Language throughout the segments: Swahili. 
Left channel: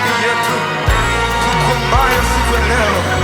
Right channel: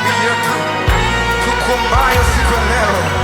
maombi yetu tukuombayo siku ya leo.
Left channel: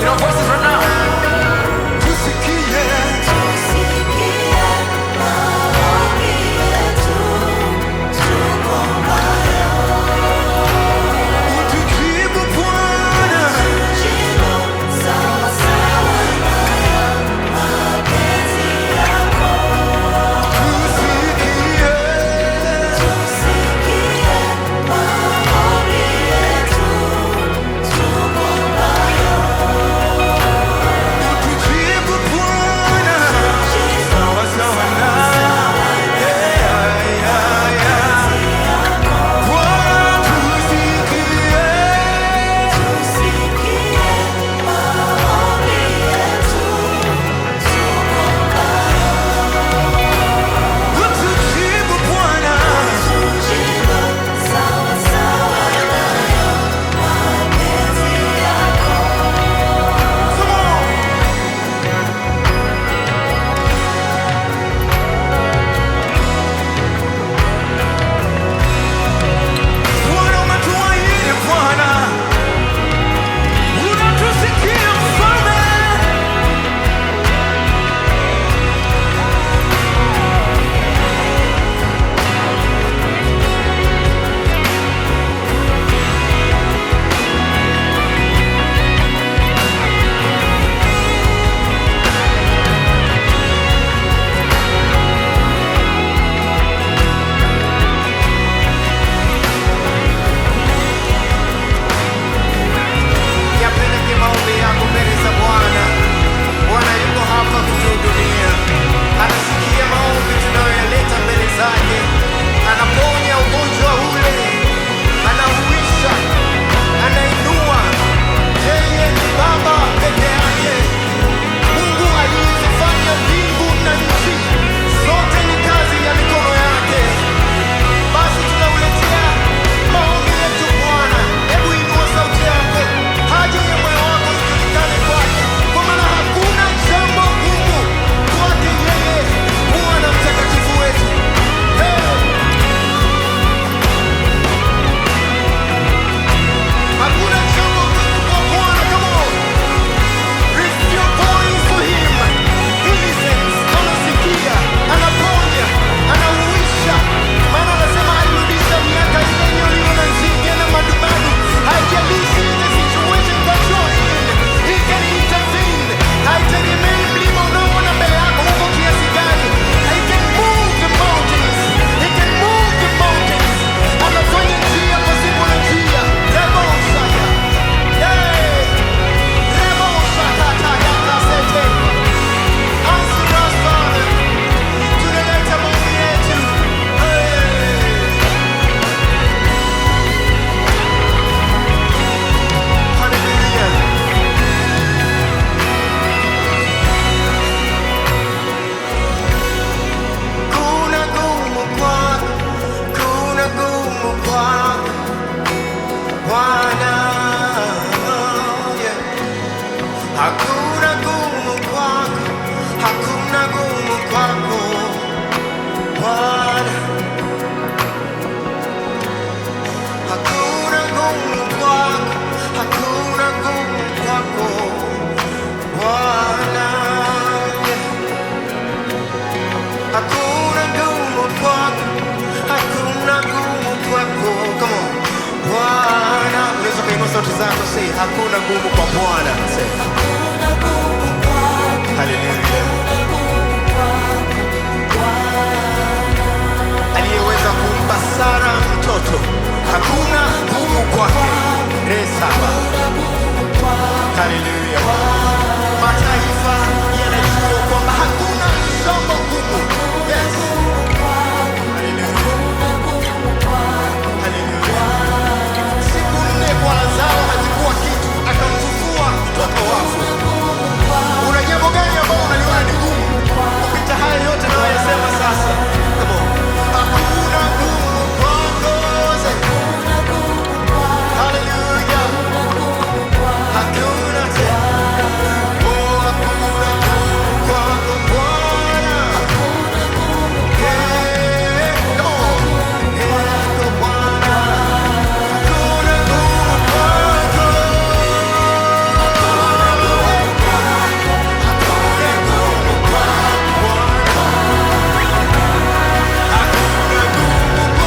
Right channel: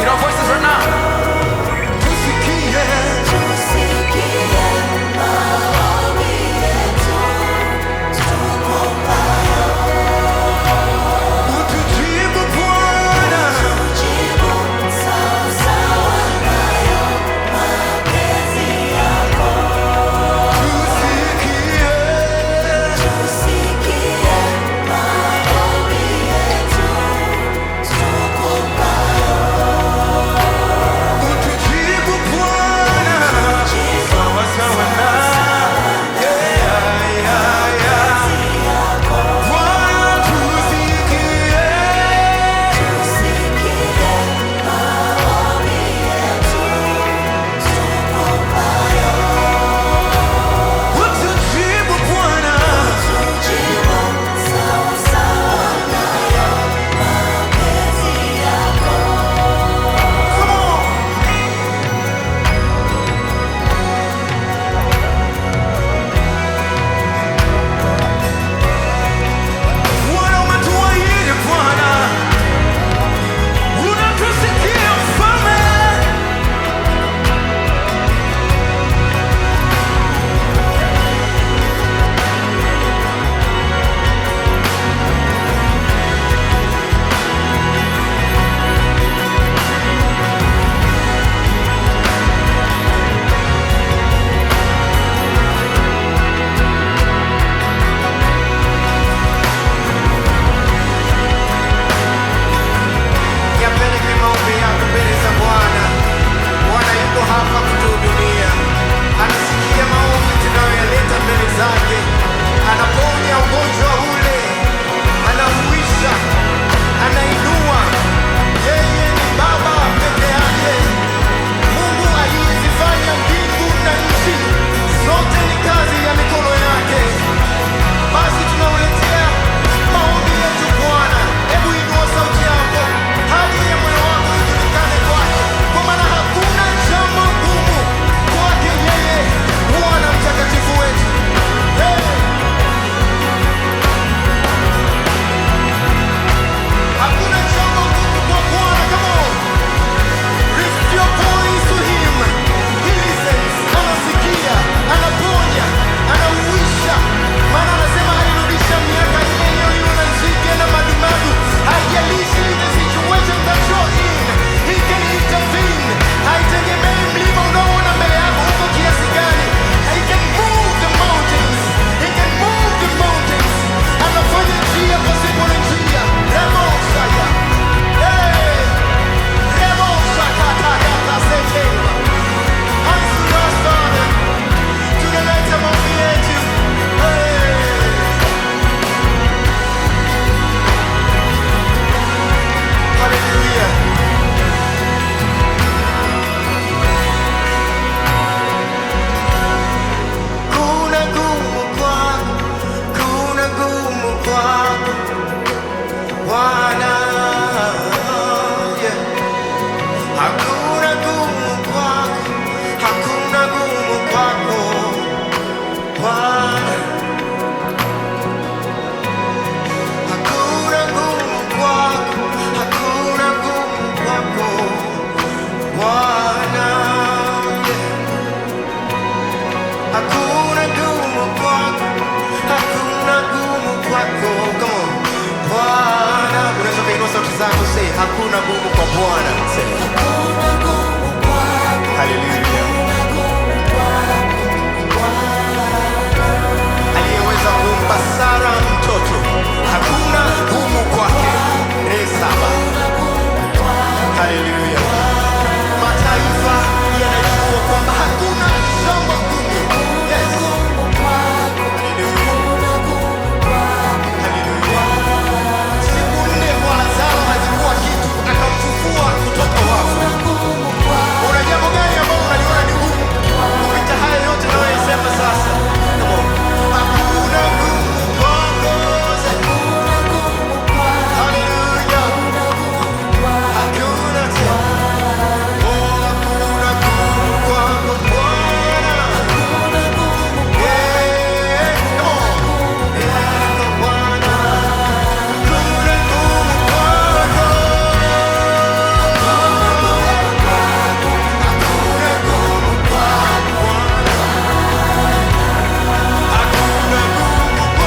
In our voices right now. Hapa kutuhudumia, anasikia maombi tunayoyaleta mbele zake, anaponya ugonjwa ule, anahuisha, anainua. Yeye ni Baba peke yake, Mungu aliyezifanya mbingu na nchi, zote ni kazi ya mikono yake. Basi tunauletea maombi yetu Bwana. Hebu inua sauti yako, haja ya moyo wako ijulikane kwake, kwa maana hakuna jambo gumu kwake yeye, Bwana mtakatifu wetu. Hey! kwako Bwana, yeah. Hakuna gumu kwako, hakuna gumu kwako Bwana, hakuna gumu kwako, hakuna gumu kwako Bwana, yeah. Hakuna gumu kwako, hakuna gumu kwako. Come on. Bwana, unaweza kuinua sauti zako, say hakuna gumu kwa Bwana. Say haleluya. Aliyeweza kumpa Sara mtoto, hakuna gumu kwake. Resaba. Haleluya. Mataifa yanajua kwamba hakuna jambo gumu. Yes. Haleluya. Haleluya. Siku 4 kwa Lazaro hazikuwa kitu, akamfufua kutoka wafu. Una jambo gani ambalo unaliona ni gumu kupita haya yote nayo yasema sasa? Come on. Hakuna gumu kwako. Haleluya. Hakuna tena. Oh, hakuna gumu kwako Bwana. Yeah. Come on. Yeah, kwa Bwana. Hakuna gumu kwako. Hakuna gumu kwako Bwana. Hakuna gumu kwako.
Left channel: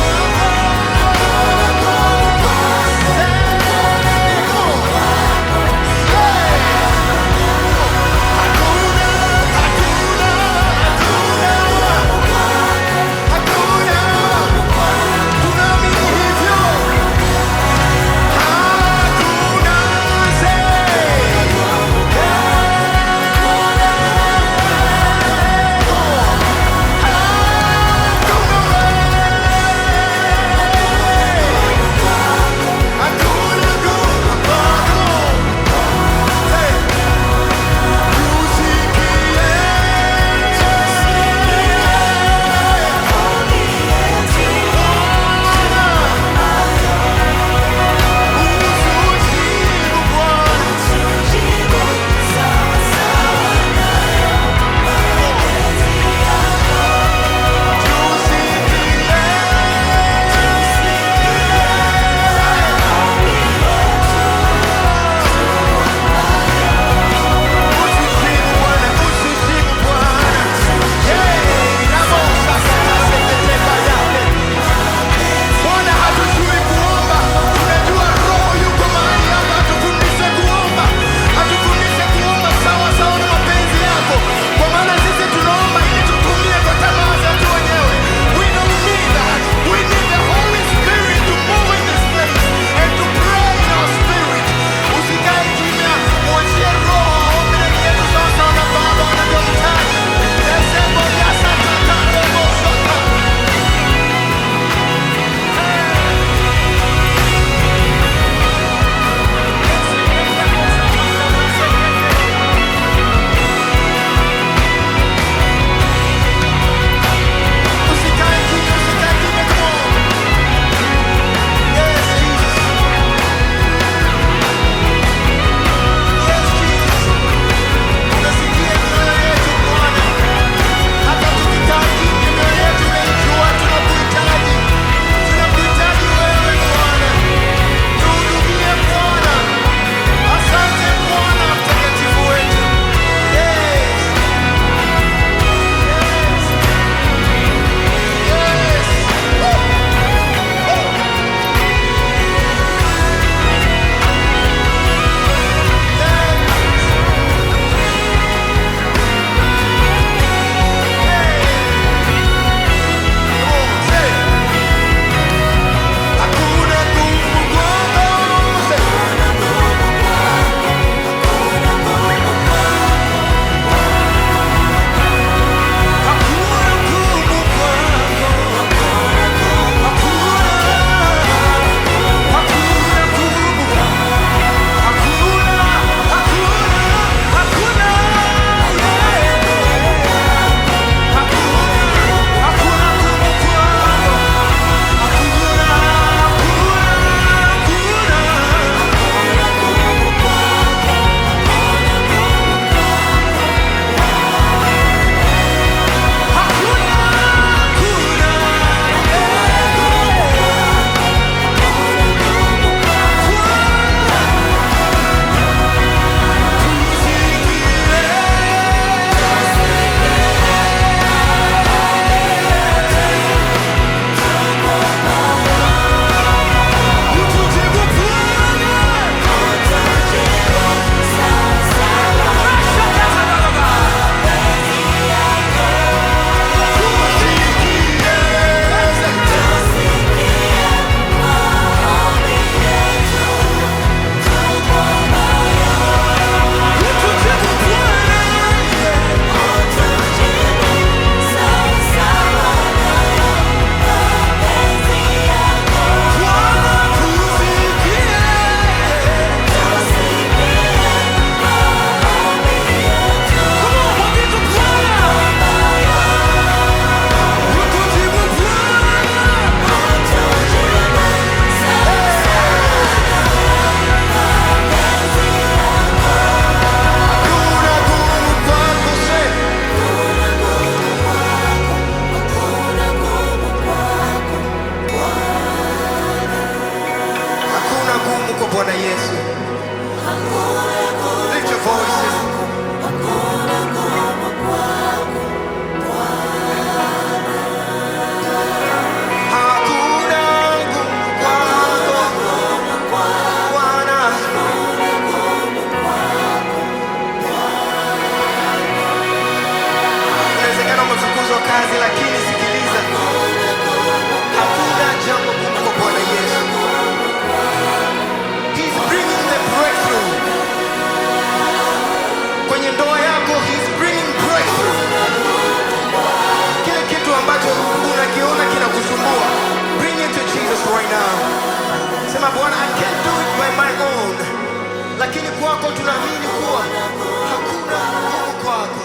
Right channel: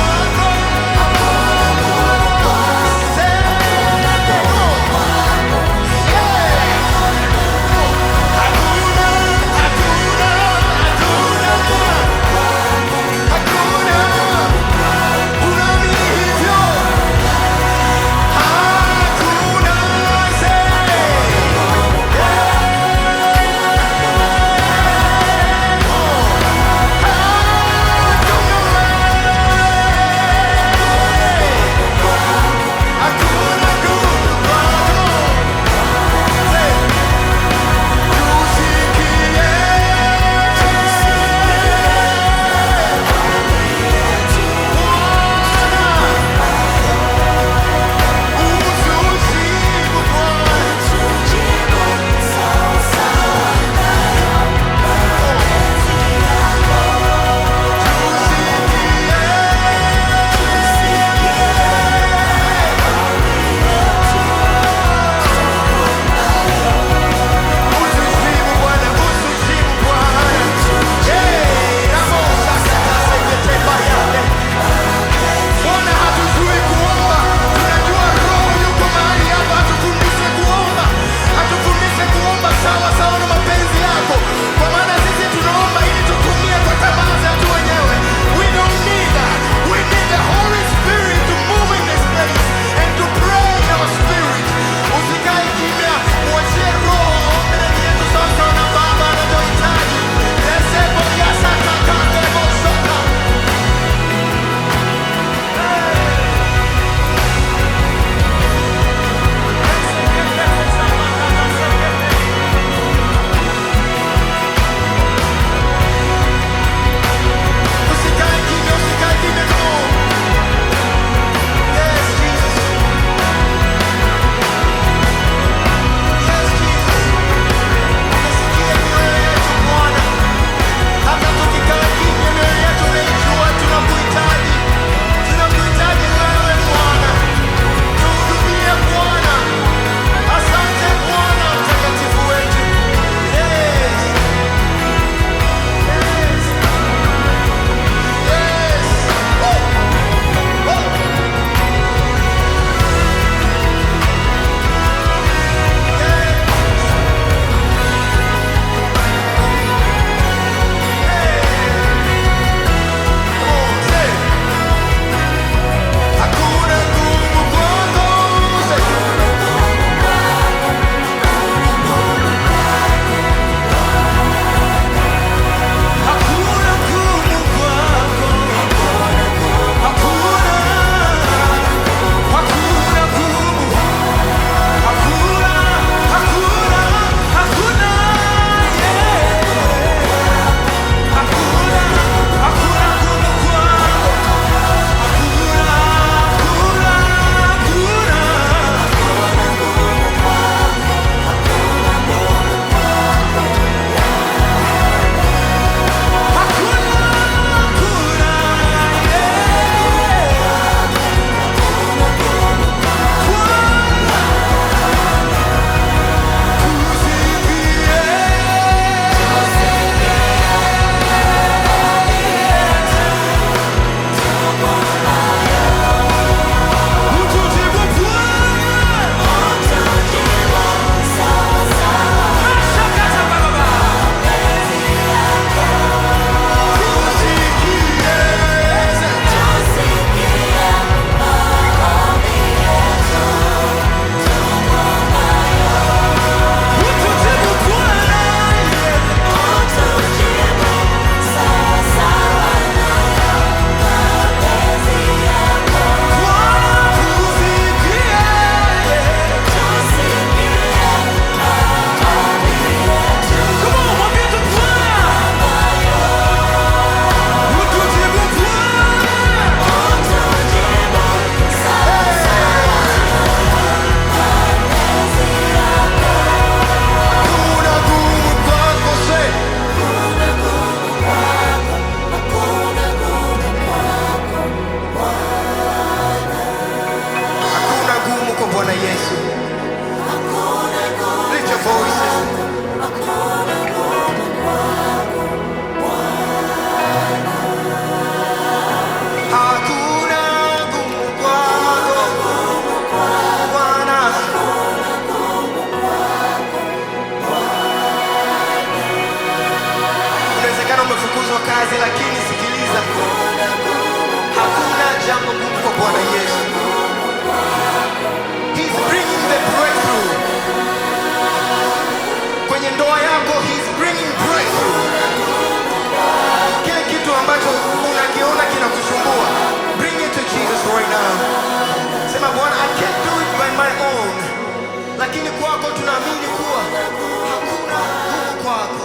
gumu kwa Bwana Yesu. Lift your voices. Hakuna gumu kwako Bwana. Inawezekana umefukuzwa kazi, lakini sikiliza, hakuna jambo gumu kwa Bwana Yesu. He's bringing the breakthrough. Kwenye ndoa yako, he's bringing breakthrough. Kile kitu ambacho unakiona kinakusumbua, bring it to Jesus right now. Sema, Bwana, I can't do it by my own, lakini kwako tunaamini kuwa hakuna gumu kwako.